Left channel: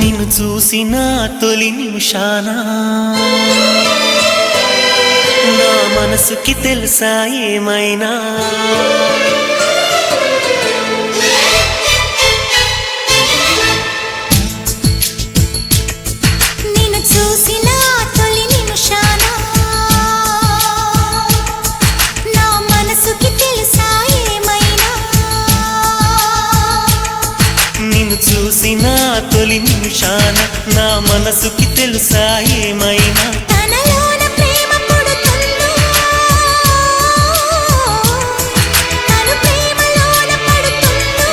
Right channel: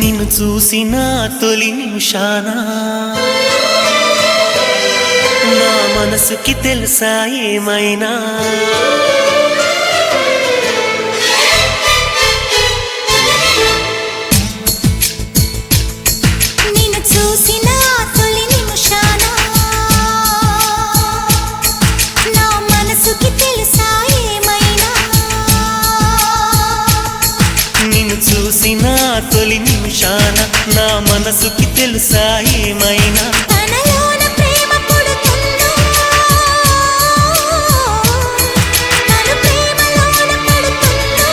నిన్ను చూసిన తొలి నిమిషాన నా మనసుకి తెలుసా ఏమైనా నిన్ను చూసిన తొలి నిమిషాన నా మనసుకి తెలుసా ఏమైనా తనలోన ప్రేమ పుడుతుందో తను ప్రేమలోన పడుతుందో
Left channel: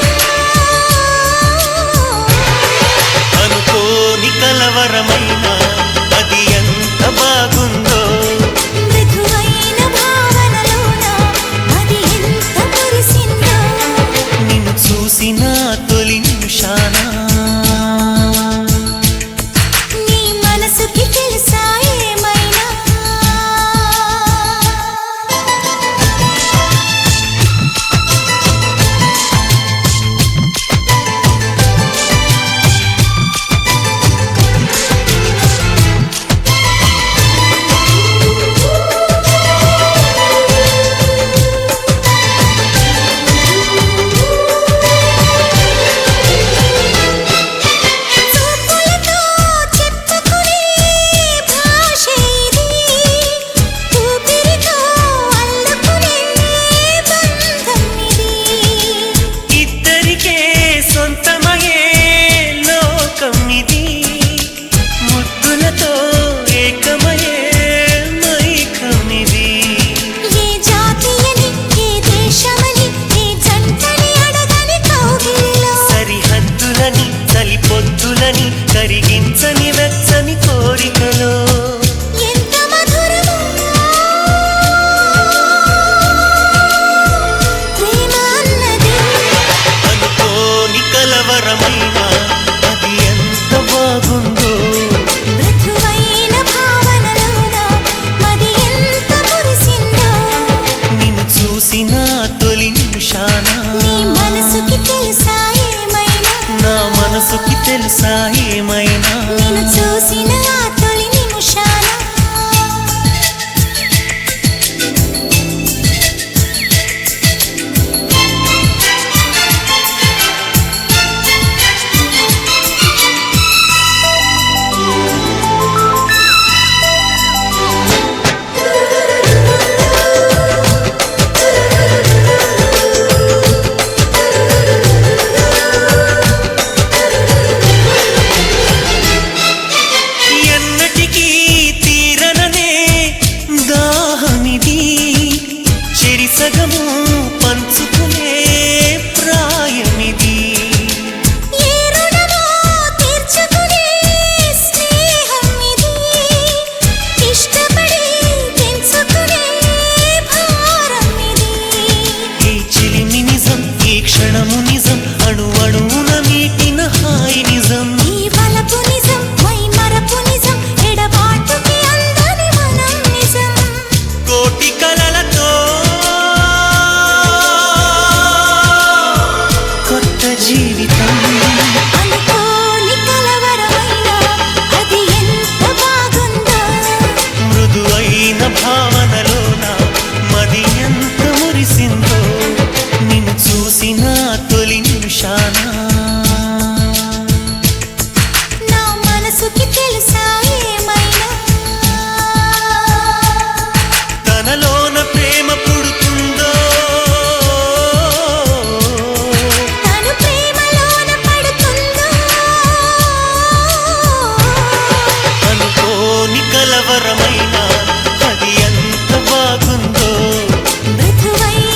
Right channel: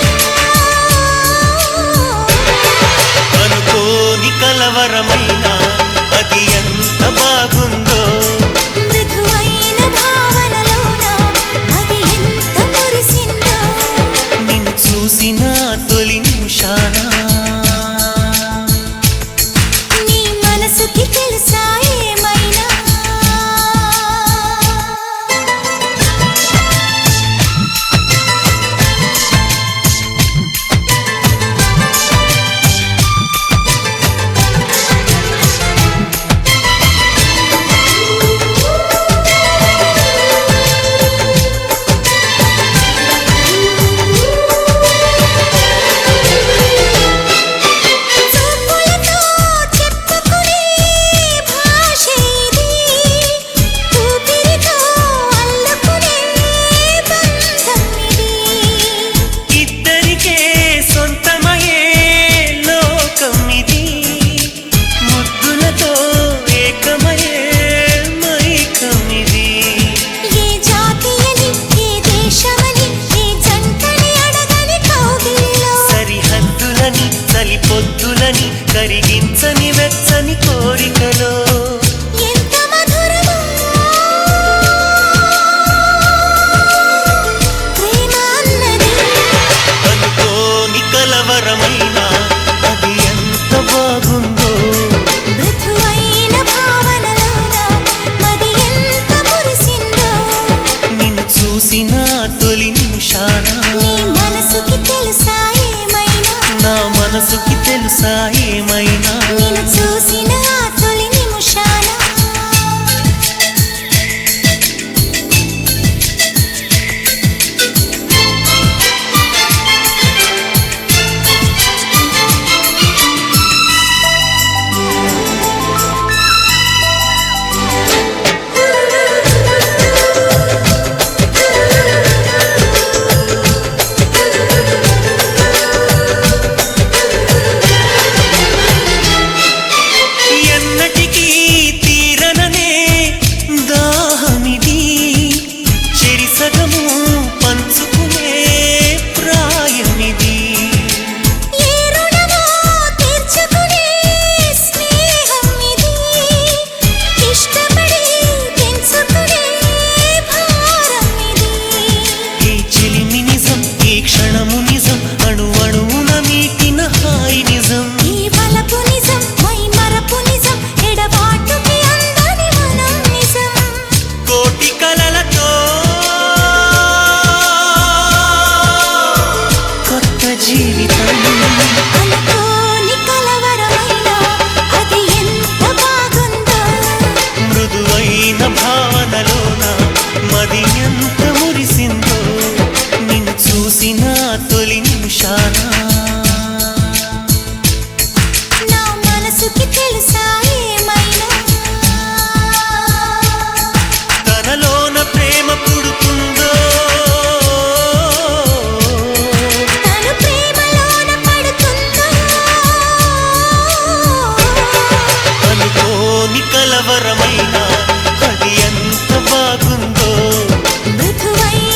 అనుకోని కలవరమైన అది ఎంత బాగుందో మృదువైన భావనలోన అది ఎంత మురిసిందో నిన్ను చూసిన తొలి నిమిషాన నీ మనసుకి తెలుసా ఏమైనా ముద్దులతో ఏకమయే మైకమిది ఏ జాతియని ఏ దేశమని ఏ జంటని అడగని కౌగిలిలో సరిహద్దులని చలిపొద్దులని కరిగించని వెచ్చని కోరికలో ఎంత మధురమో ప్రేమ అన్నది అనుకోని కలవరమైన అది ఎంత బాగుందో మృదువైన భావనలోన మది ఎంత మురిసిందో నిన్ను చూసిన తొలి నిమిషాన నీ మనసుకి తెలుసా ఏమైనా నా మనసుకి తెలుసా ఏమైనా నిన్ను చూసిన ఆ తొలి నిమిషాన ఎన్నటికీ తీరననే దాహమిది చెరిసగము పంచుకునే ప్రాయమిది ఏ రుణమో తీర్చుకునే స్నేహం ఇది ఇష్టపడి పెంచుకునే భారం ఇది ఈ చెలిమి నిజం ఈ క్షణము నిజం అణువణువున మీటిన హాయి నిజం ఈ వలపు నిజం మై మరపు నిజం ఎడబాటుకి అందని మనం నిజం కోటి కలలతో కొత్త జీవితం అనుకోని కలవరమైన అది ఎంత బాగుందో మృదువైన భావనలోన మది ఎంత మురిసిందో నిన్ను చూసిన తొలి నిమిషాన నా మనసుకి తెలుసా ఏమైనా తనలోన ప్రేమ పుడుతుందో తను ప్రేమలోన పడుతుందో అనుకోని కలవరమైన అది ఎంత బాగుందో మృదువైన